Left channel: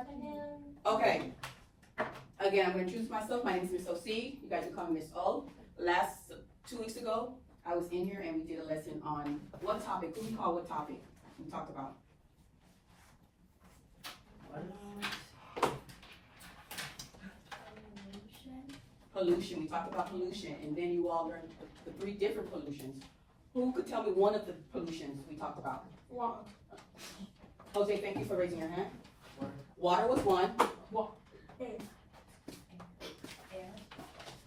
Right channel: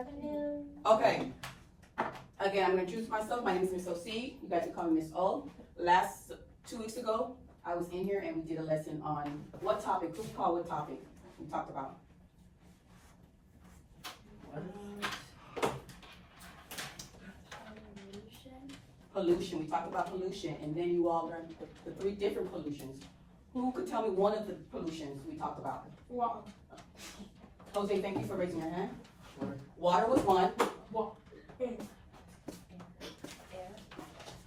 afternoon. Okay. Again, I'm going to introduce myself. My name is Miss O.C. You guys can call me Miss O. Last 2 weeks ago, I was in here and we did a lesson on what topic? Who can call what topic we talked about? Pollution. We talked about pollution, and then you all learned the 3 different pollutions. Who could tell me one of the pollutions we talked about? Water. Jose, thank you for raising your hand. Water was one.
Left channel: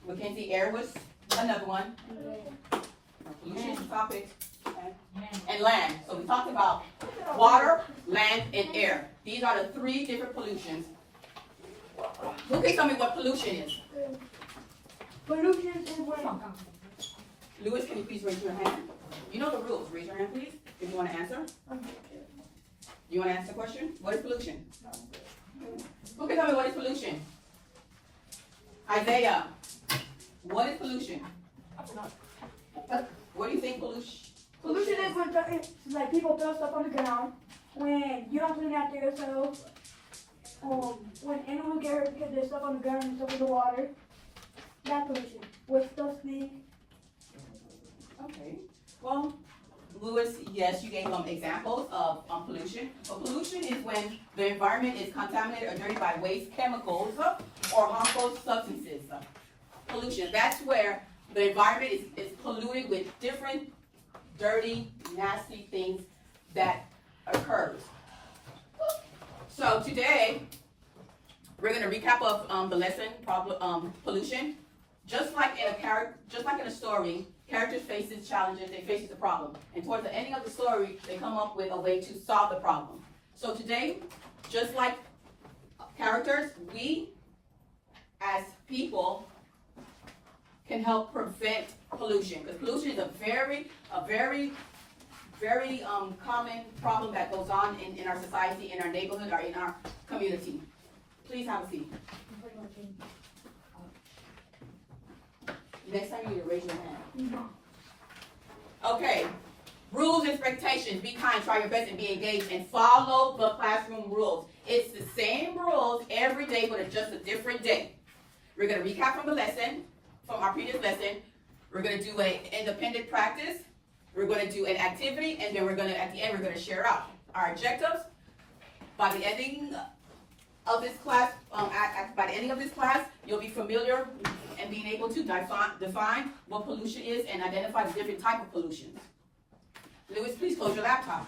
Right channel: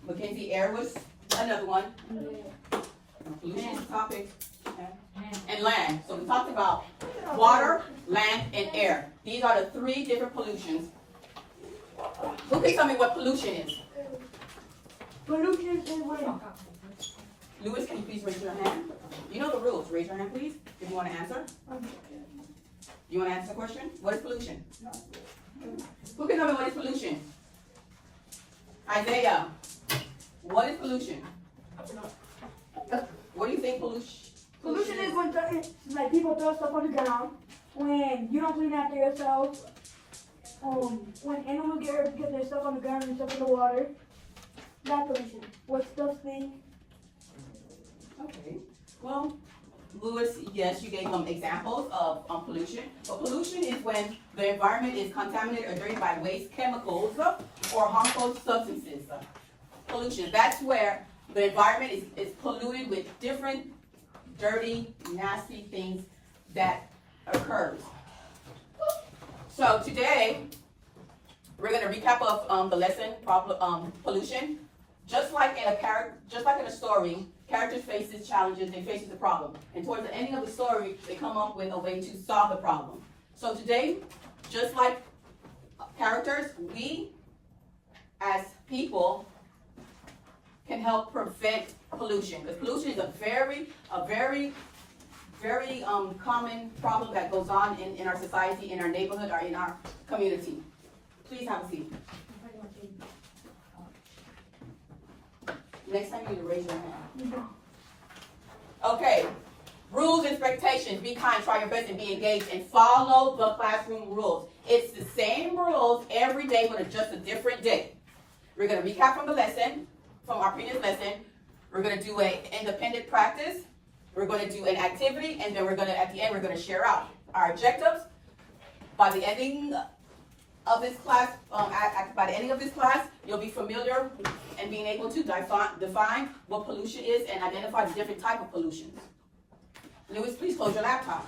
Mackenzie, air was another one. Pollution topic. And land. So we talked about water, land, and air. These are the 3 different pollutions. Who can tell me what pollution is? Pollution is when Louis, can you please raise your hand? You know the rules. Raise your hand, please, if you want to answer. You want to answer the question? What is pollution? Who can tell me what is pollution? Isaiah, what is pollution? What do you think pollution? pollution is when it's like people throw stuff on the ground when you don't clean after yourself. When animals get hurt because there's stuff on the ground and stuff in the water. That's pollution. What stuff stink? Okay. Well, Louis, yes, you gave examples of pollution. But pollution is when the environment is contaminated or dirty by waste, chemicals, or harmful substances. Pollution. That's where the environment is polluted with different dirty, nasty things that occurs. So today, we're going to recap of the lesson, pollution. Just like in a story, characters faces challenges, they faces a problem. And towards the ending of the story, they come up with a way to solve the problem. So today, just like characters, we as people can help prevent pollution. Because pollution is a very common problem that goes on in our society, in our neighborhood, or in our community. Please have a seat. Next time you need to raise your hand. Okay. Rules and expectations. Be kind, try your best, and be engaged, and follow the classroom rules. It's the same rules every day, but it's just a different day. We're going to recap from the lesson, from our previous lesson. We're going to do an independent practice. We're going to do an activity, and then at the end, we're going to share out our objectives. By the ending of this class, you'll be familiar and being able to define what pollution is and identify the different type of pollutions. Louis, please close your laptop.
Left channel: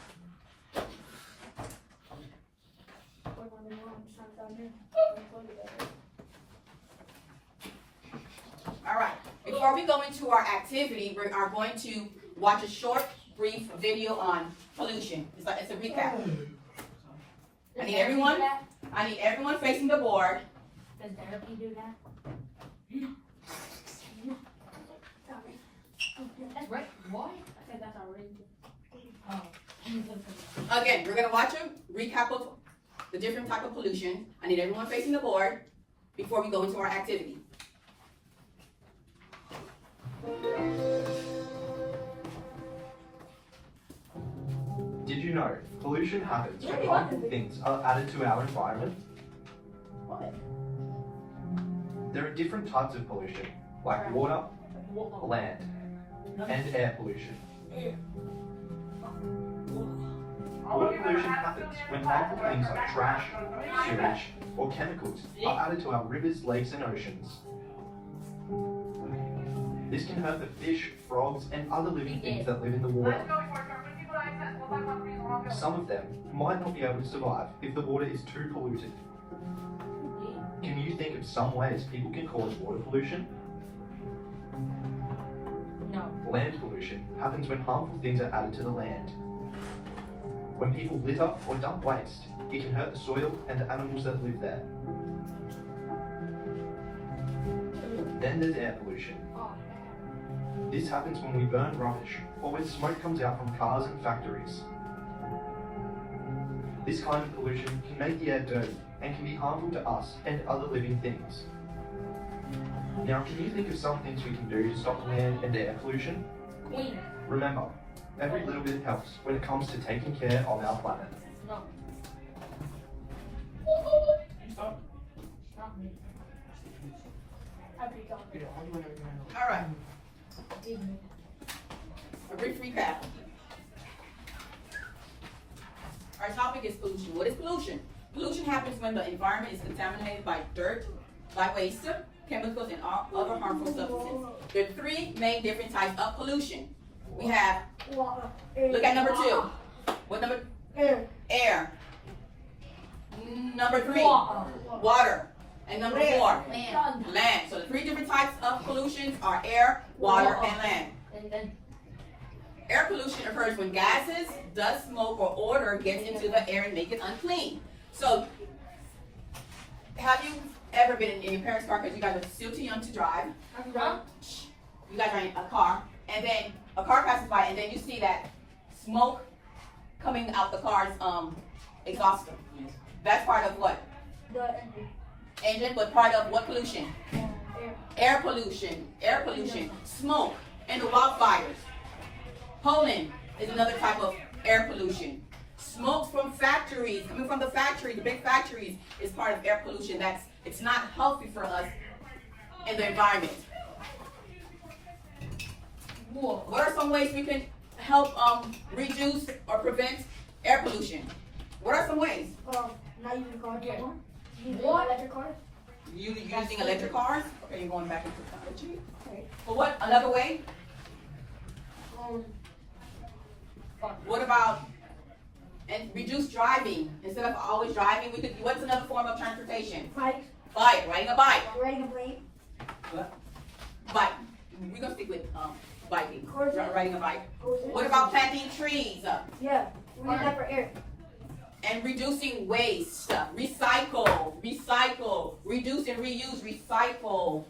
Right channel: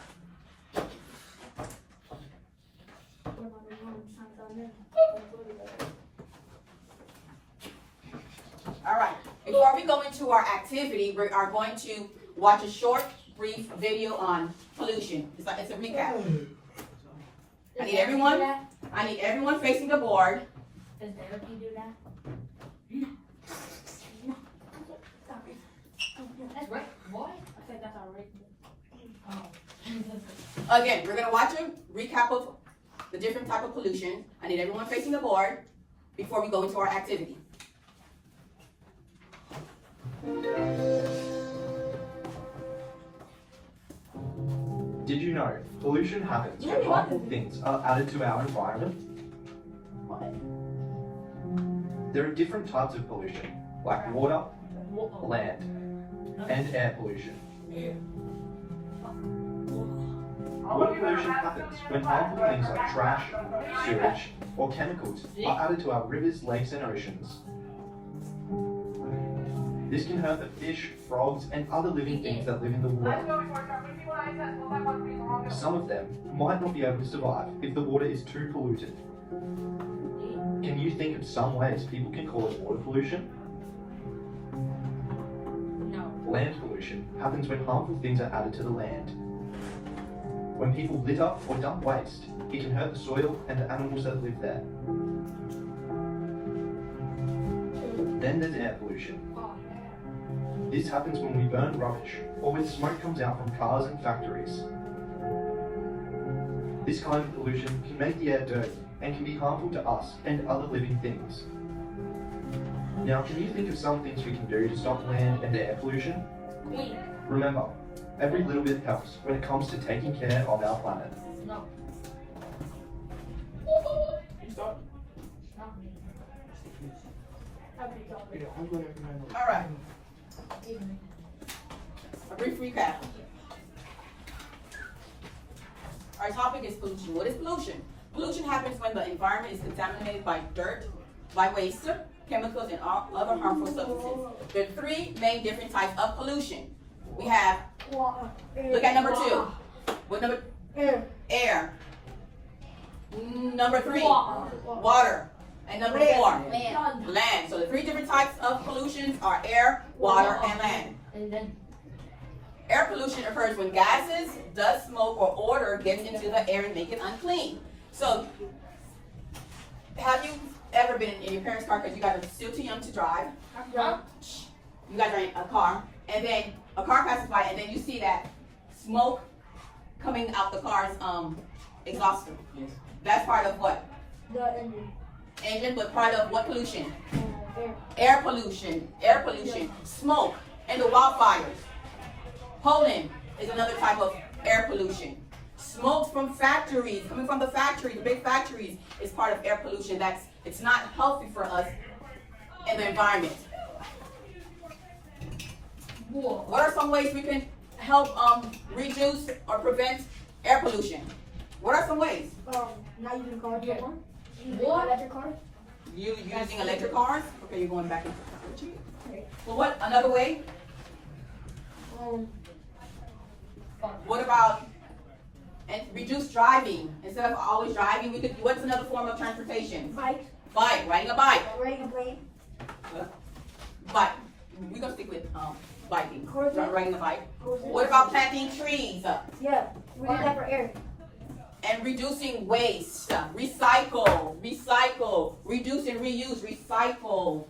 All right. Before we go into our activity, we are going to watch a short, brief video on pollution. It's a recap. I need everyone facing the board. Does therapy do that? That's right. What? I think that's outrageous. Again, we're going to watch a recap of the different type of pollution. I need everyone facing the board before we go into our activity. Did you know pollution happens when harmful things are added to our environment? What? There are different types of pollution, like water, land, and air pollution. Water pollution happens when harmful things like trash, sewage, or chemicals are added to our rivers, lakes, and oceans. This can hurt the fish, frogs, and other living things that live in the water. Some of them might not be able to survive if the water is too polluted. Can you think of some ways people can cause water pollution? No. Land pollution happens when harmful things are added to the land. When people litter or dump waste, it can hurt the soil and the animals that live there. Then there's air pollution. This happens when we burn rubbish or when smoke comes out from cars and factories. This kind of pollution can make the air dirty and can be harmful to us and other living things. Now, can you think of some things we can do to stop land and air pollution? Clean. Remember, every little bit helps when it comes to taking care of our planet. No. All right. A brief recap. Our topic is pollution. What is pollution? Pollution happens when the environment is contaminated by dirt, by waste, chemicals, and all other harmful substances. There are three main different types of pollution. We have, look at number 2. What number? Air. Air. Number 3, water. And number 4, land. So the three different types of pollution are air, water, and land. And then Air pollution occurs when gases, dust, smoke, or odor gets into the air and make it unclean. So, have you ever been in your parents' car because you guys are still too young to drive? You guys are in a car, and then a car passes by, and then you see that smoke coming out the car's exhaust. Yes. That's part of what? The engine. Engine, but part of what pollution? Air. Air pollution. Air pollution. Smoke and the wildfires. Pollen is another type of air pollution. Smoke from factories, coming from the factories, the big factories, is part of air pollution. It's not healthy for us and the environment. What are some ways we can help reduce or prevent air pollution? What are some ways? Not using cars Yeah. anymore. What? Electric cars. You using electric cars? Okay, you're going back into technology. Okay. Well, what another way? What about and reduce driving? Instead of always driving, we could. What's another form of transportation? Bikes. Bike, riding a bike. Riding a plane. Bike. We're gonna stick with biking. Horses. Riding a bike. Horses. What about planting trees Yeah. We need that for air. and reducing waste? Recycle, reduce and reuse, recycle.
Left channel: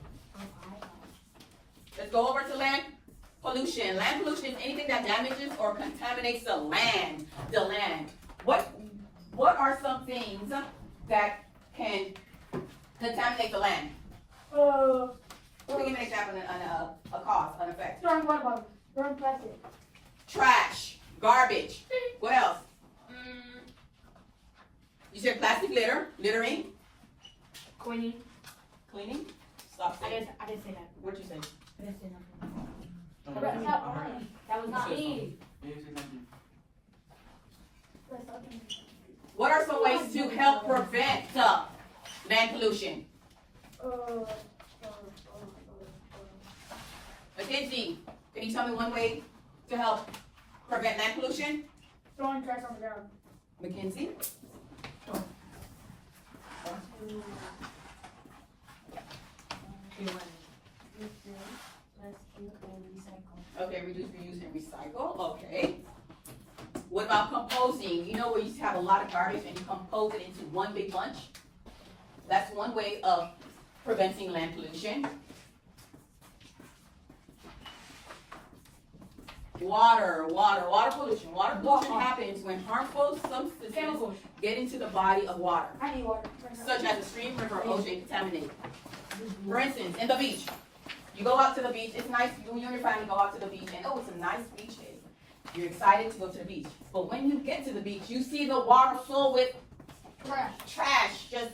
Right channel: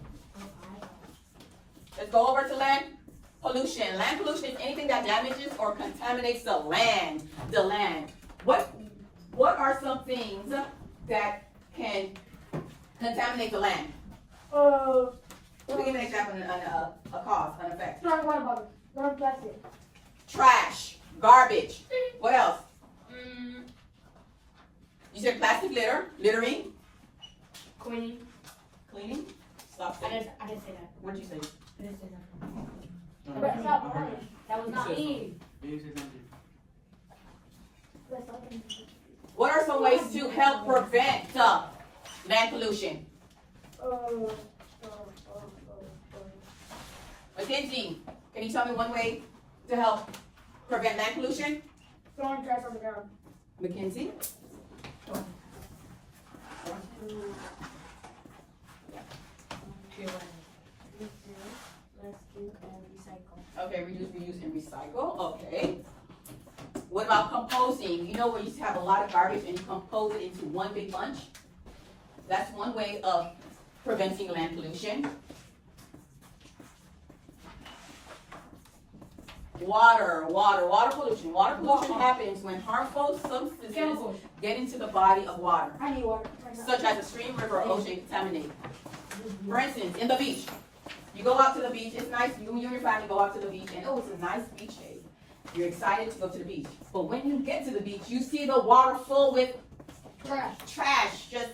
Let's go over to land pollution. Land pollution is anything that damages or contaminates the land. The land. What are some things that can contaminate the land? We give an example and a cause, an effect. Throwing water bottles. Throwing plastic. Trash, garbage. What else? You said plastic littering, Queenie. cleaning. Stop I saying. didn't say that. What'd you say? I didn't say that. That was not me. What are some ways to help prevent land pollution? Mackenzie, can you tell me one way to help prevent land pollution? Throwing trash on the ground. Mackenzie? Let's do recycle. Okay, reduce, reuse, and recycle. Okay. What about composing? You know where you have a lot of garbage and you compose it into one big bunch? That's one way of preventing land pollution. Water pollution. Water pollution happens when harmful substances Chemicals. get into the body of water, I need water. such as a stream, river, or ocean contaminated. For instance, in the beach, you go out to the beach, it's nice, you and your family go out to the beach, and oh, it's a nice beach day. You're excited to go to the beach. But when you get to the beach, you see the water full with trash, just,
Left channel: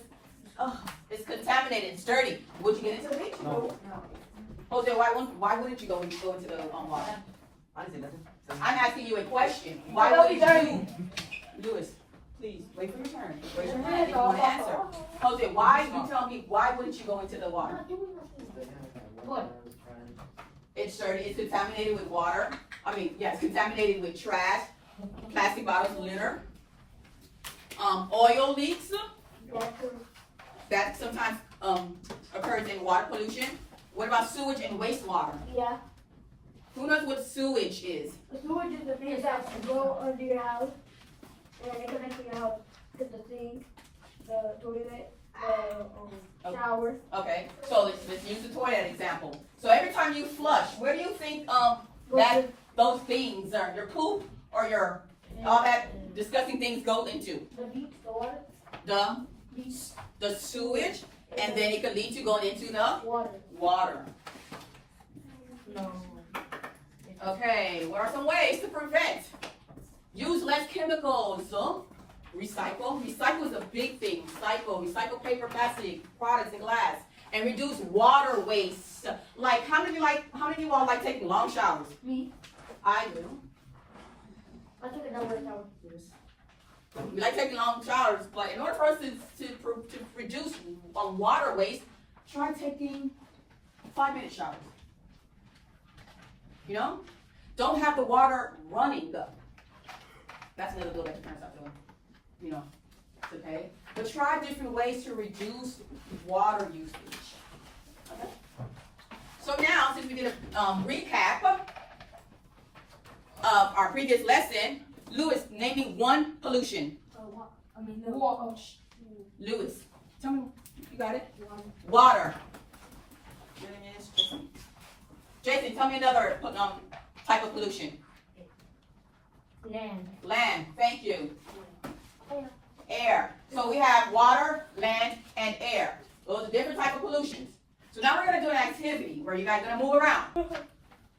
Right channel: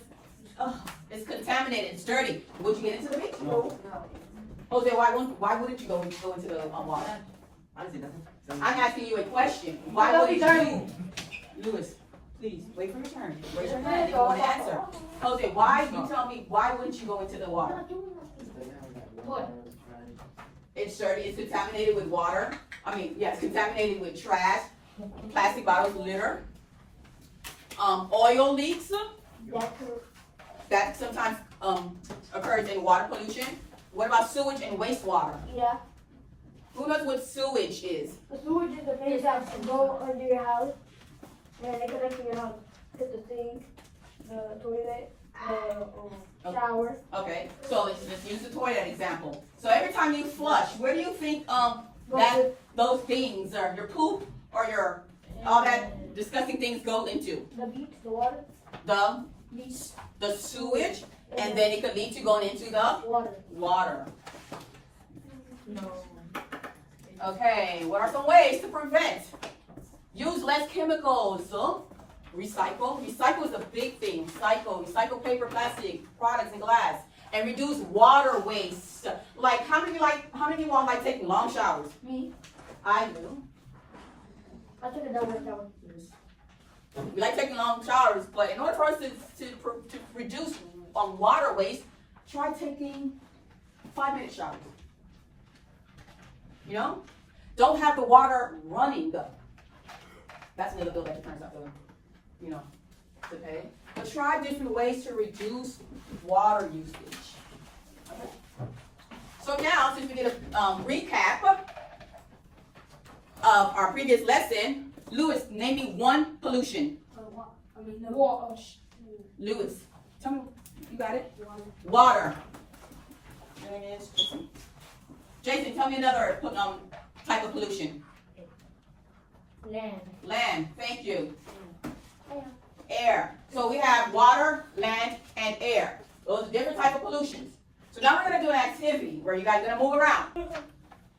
it's contaminated, it's dirty. Would you get into the beach? No. Jose, why wouldn't you go into the water? I'm asking you a question. Why wouldn't you? Lewis, please, wait for your turn. Raise your hand if you want to answer. Jose, you tell me, why wouldn't you go into the water? What? It's dirty, it's contaminated with water. It's contaminated with trash, plastic bottles, litter, oil leaks. That sometimes occurs in water pollution. What about sewage and wastewater? Yeah. Who knows what sewage is? The sewage is the things that go under your house. And they connect to your house. Get the sink, the toilet, the shower. Okay, so let's use the toilet example. So every time you flush, where do you think those things are? Your poop or your all that disgusting things go into? The beach, the water. The Beach. the sewage, and then it could lead to going into the Water. water. No. Okay, what are some ways to prevent? Use less chemicals. So, recycle. Recycle is a big thing. Recycle paper, plastic, products, and glass. and reduce water waste. Like how many of you all like taking long showers? Me. I do. I took a double shower. We like taking long showers, but in order for us to reduce water waste, try taking 5-minute showers. You know? Don't have the water running though. That's another bill that turns out though. You know, okay? But try different ways to reduce water usage. Okay? So now, since we did a recap of our previous lesson, Lewis, name me one pollution. Water. Lewis, tell me, you got it? Water. Jason, tell me another type of pollution. Land. Land, thank you. Air. So we have water, land, and air. Those are different types of pollutions. So now we're going to do an activity where you guys are going to move around.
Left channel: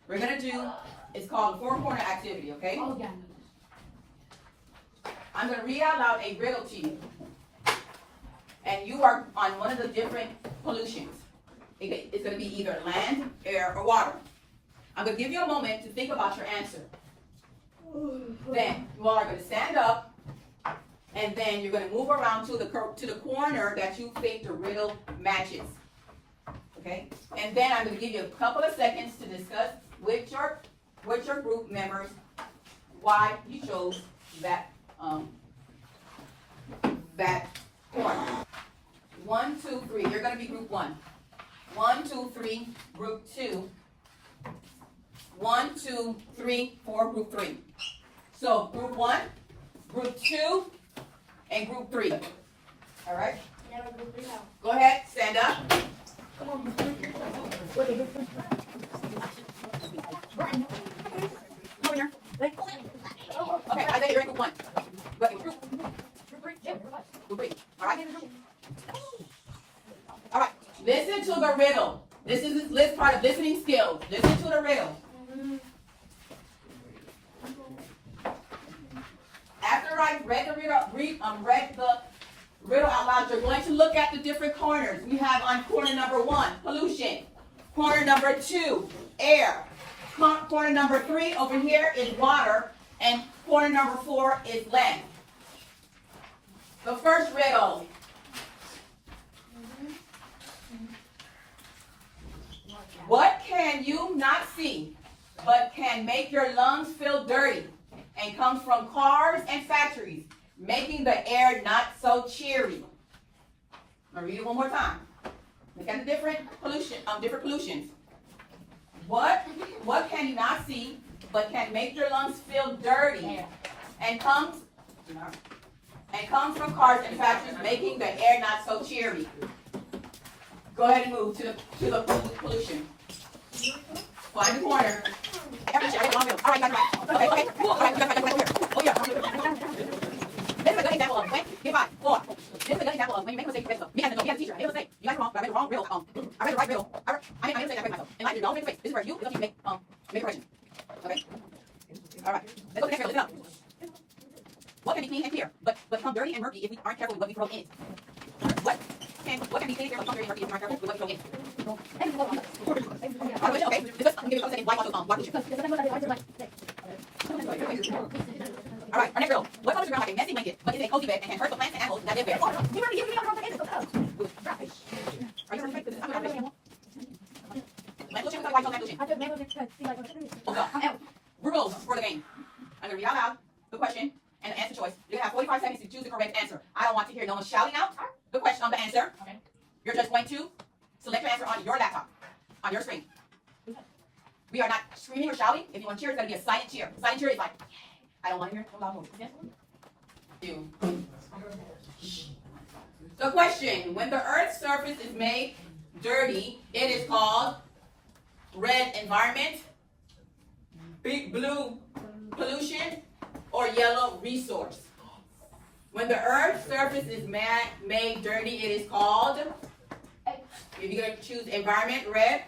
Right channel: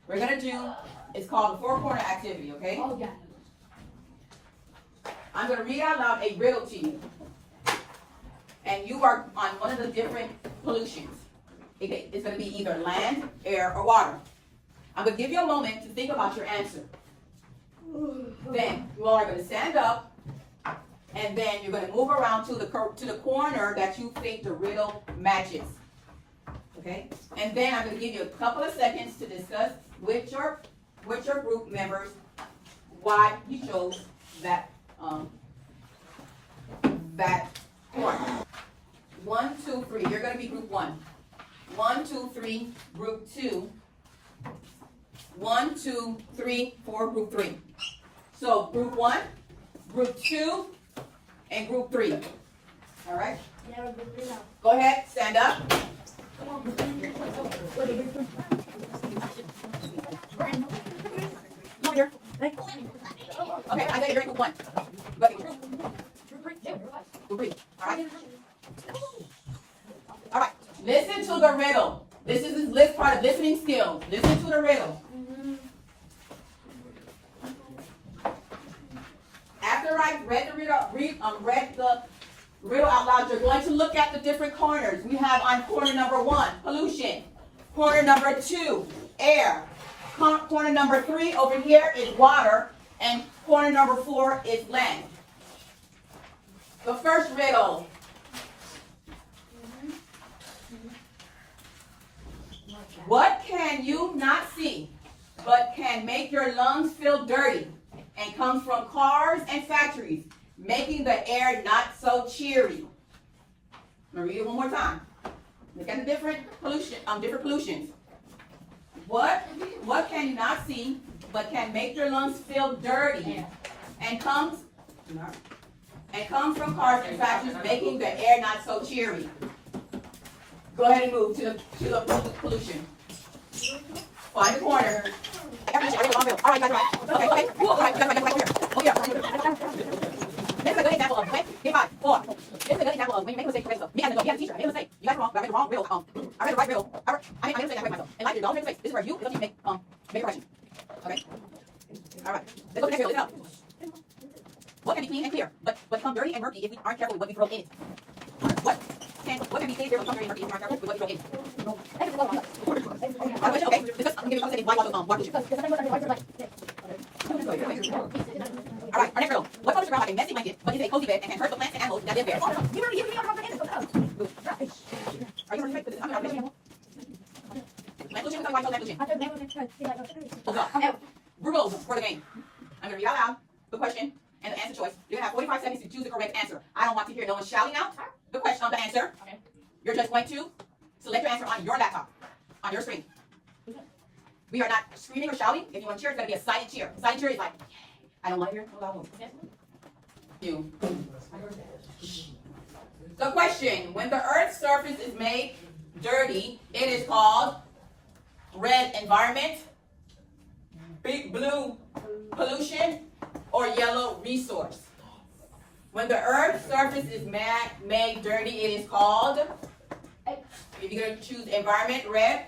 We're going to do, it's called the 4-corner activity, okay? Oh, yeah. I'm going to read out loud a riddle to you. And you are on one of the different pollutions. It's going to be either land, air, or water. I'm going to give you a moment to think about your answer. Then you all are going to stand up, and then you're going to move around to the corner that you think the riddle matches. Okay? And then I'm going to give you a couple of seconds to discuss with your group members why you chose that corner. 1, 2, 3. You're going to be group 1. 1, 2, 3. Group 2. 1, 2, 3, 4. Group 3. So group 1, group 2, and group 3. All right? Go ahead, stand up. Come here. Okay, I think you're in group 1. But group 3. All right? All right. Listen to the riddle. This is this part of listening skills. Listen to the riddle. After I read the riddle out loud, you're going to look at the different corners. We have on corner number 1, pollution. Corner number 2, air. Corner number 3 over here is water. And corner number 4 is land. The first riddle. What can you not see, but can make your lungs feel dirty, and comes from cars and factories, making the air not so cheery? I'm gonna read it one more time. Look at the different pollutions. What can you not see, but can make your lungs feel dirty, and comes from cars and factories, making the air not so cheery? Go ahead and move to the pollution. Find the corner. All right, you guys are right. Okay. All right, you guys are right here. Oh, yeah. This is a good example of, okay? Give 5, 4. This is a good example of when you make a mistake, you say so. Me having a teacher, it was a mistake. You guys are wrong, but I read the wrong riddle. I read the right riddle. I made a mistake, I correct myself. And like, don't make a mistake. This is where you need to make a correction. Okay? All right. Let's go to the next riddle. Listen up. What can be clean and clear, but become dirty and murky if we aren't careful with what we throw in it? What can be clean and clear, but become dirty and murky if we aren't careful with what we throw in it? Okay, just give me a couple seconds. Why water pollution? All right, our next riddle. What colors around a messy blanket, but is a cozy bed and can hurt the plants and animals that live there? Are you ready? Rules for the game. I'm going to read out loud the question and the answer choice. You're going to have 45 seconds to choose the correct answer. I don't want to hear no one shouting out the question on the answer. Okay. You're just going to select your answer on your laptop, on your screen. We are not screaming or shouting. If you want to cheer, it's going to be a silent cheer. Silent cheer is like, I don't want to hear no loud voice. You. The question, when the Earth's surface is made dirty, it is called red environment, big blue pollution, or yellow resource. When the Earth's surface is made dirty, it is called, if you're going to choose environment, red,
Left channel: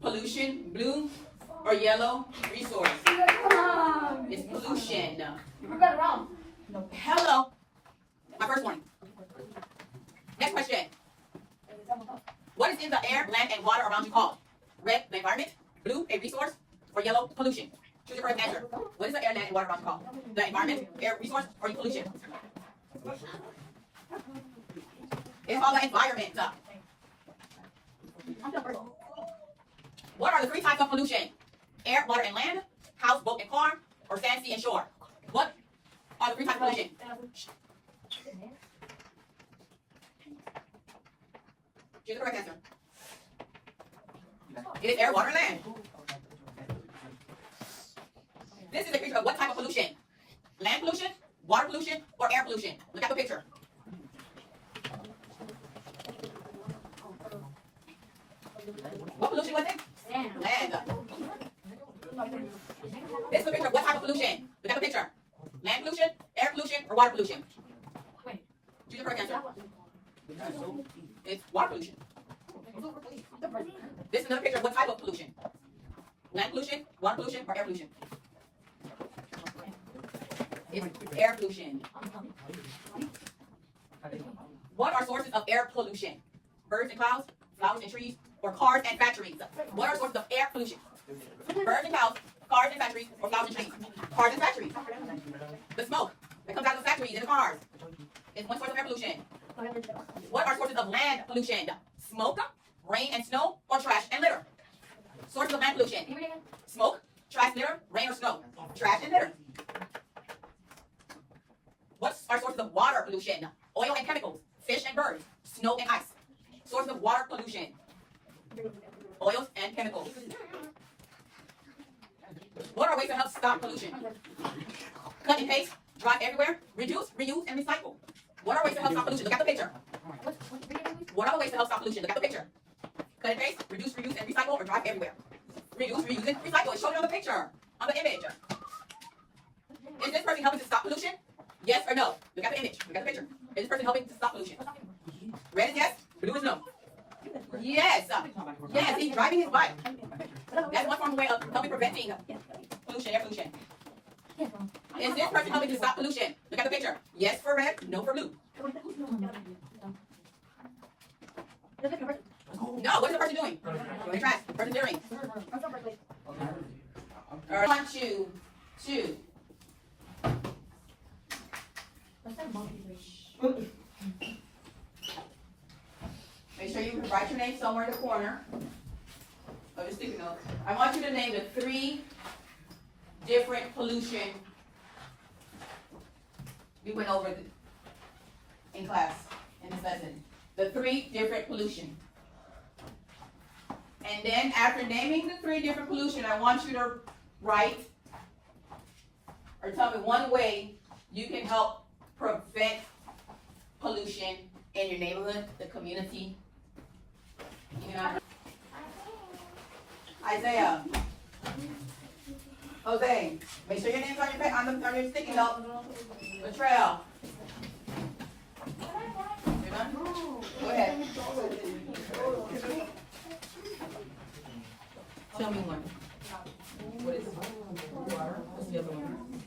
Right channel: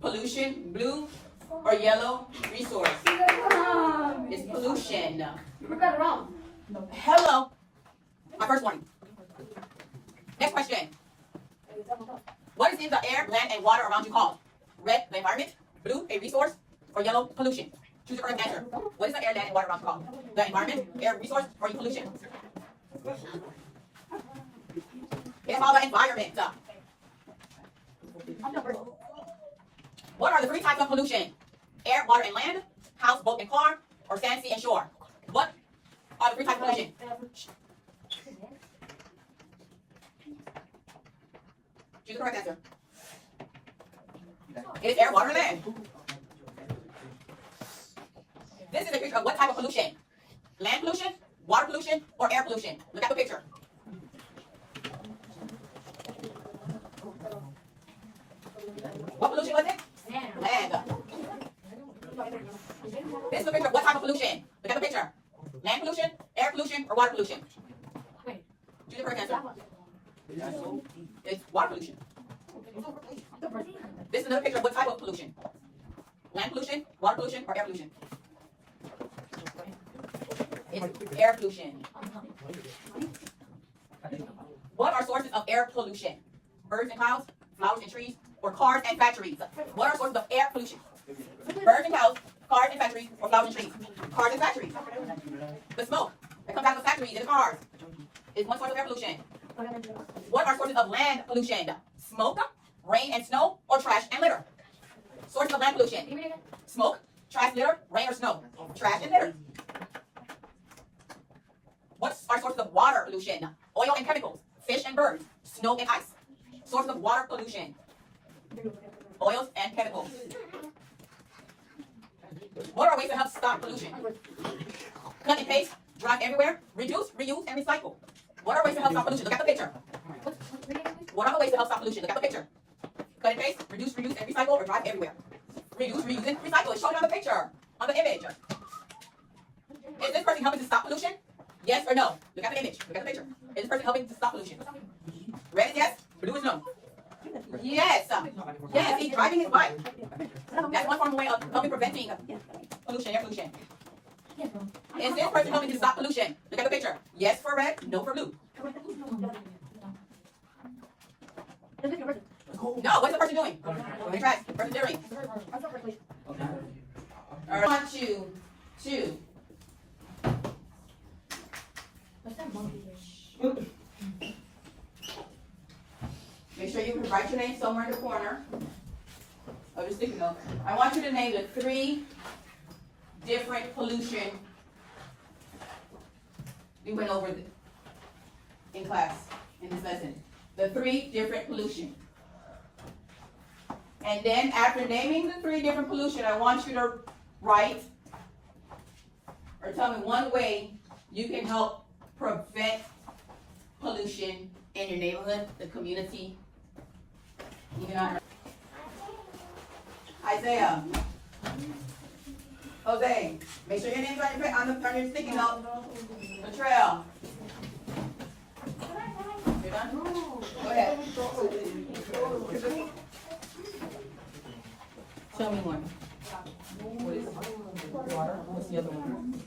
pollution, blue, or yellow resource. It's pollution. You got it wrong. Hello. My first warning. Next question. What What is the air, land, and water around you called? Red, the environment. Blue, a resource. Or yellow, pollution. Choose the correct answer. What is the air, land, and water around you called? The environment, air, resource, or pollution? It's called the environment. What are the three types of pollution? Air, water, and land. House, boat, and car. Or sand, sea, and shore. What are the three types of pollution? Choose the correct answer. It is air, water, and land. This is a picture of what type of pollution? Land pollution, water pollution, or air pollution? Look at the picture. What pollution was it? Land. This is a picture of what type of pollution? Look at the picture. Land pollution, air pollution, or water pollution? Choose the correct answer. It's water pollution. This is another picture of what type of pollution? Land pollution, water pollution, or air pollution? It's air pollution. What are sources of air pollution? Birds and clouds, flowers and trees, or cars and factories? What are sources of air pollution? Birds and clouds, cars and factories, or flowers and trees? Cars and factories. The smoke that comes out of the factories and the cars is one source of air pollution. What are sources of land pollution? Smoke, rain and snow, or trash and litter? Sources of land pollution. Smoke, trash, litter, rain or snow. Trash and litter. What are sources of water pollution? Oil and chemicals, fish and birds, snow and ice. Sources of water pollution. Oils and chemicals. What are ways to help stop pollution? Cut and paste, drive everywhere, reduce, reuse, and recycle. What are ways to help stop pollution? Look at the picture. What are the ways to help stop pollution? Look at the picture. Cut and paste, reduce, reuse, and recycle, or drive everywhere. Reduce, reuse, and recycle. It's shown on the picture, on the image. Is this person helping to stop pollution? Yes or no? Look at the image. Look at the picture. Is this person helping to stop pollution? Red is yes, blue is no. Yes. Yes, he's driving his bike. That's one form of way of helping preventing pollution, air pollution. Is this person helping to stop pollution? Look at the picture. Yes for red, no for blue. No, what is the person doing? Throwing trash. Person doing. All right. 1, 2, 2. Make sure you can write your name somewhere in the corner of your sticky note. I want you to name the 3 different pollution we went over in class, in this lesson. The 3 different pollution. And then after naming the 3 different pollution, I want you to write or tell me one way you can help prevent pollution in your neighborhood, the community. You know, Isaiah, Jose, make sure your name's on your sticky note. Latrell. You're done? Go ahead. Tell me one. What is it? Water? What's the other one?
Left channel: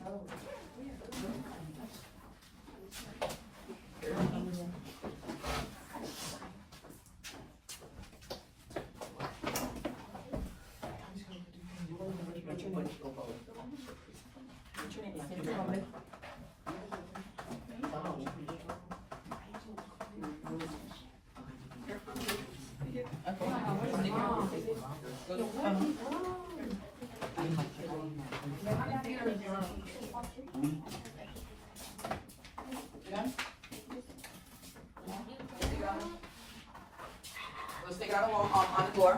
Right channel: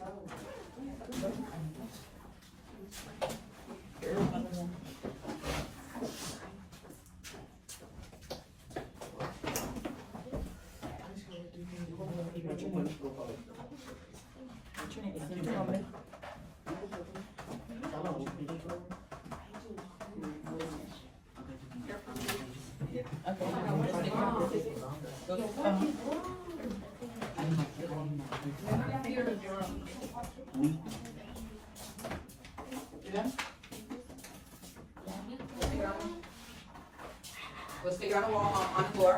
We'll stick it on the wall, on the floor.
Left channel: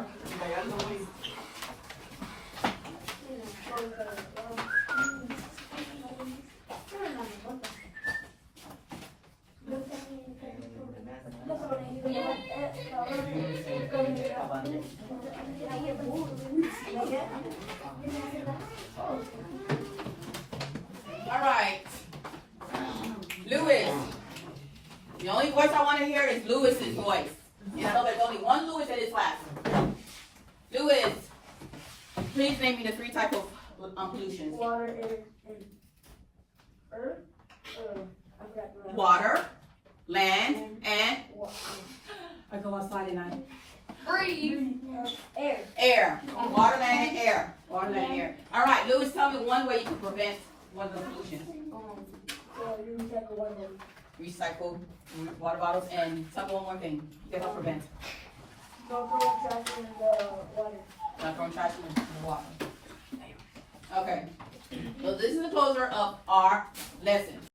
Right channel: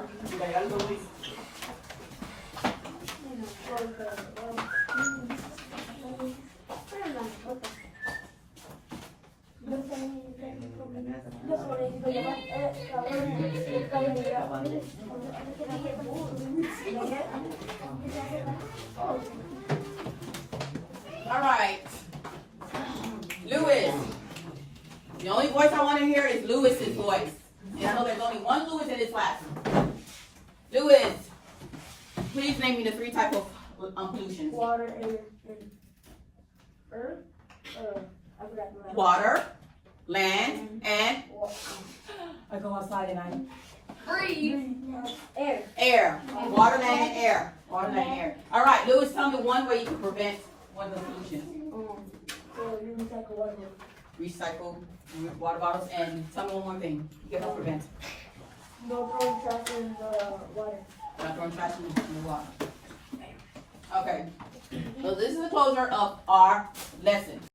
All right. Lewis. The only voice I want to hear is Lewis's voice. And I know there's only one Lewis in this class. Lewis, please name me the 3 types of pollution. Water, air, and earth. I forgot the last. Water, land, and Water. I go outside and Air. Air. Water, land, and air. Water, land, and air. All right, Louis, tell me one way you can prevent one of the pollution. So you recycle water. Recycle water bottles, and tell me one more thing. You can help prevent. No throwing trash in the water. Not throwing trash in the water. Okay. So this is the closure of our lesson.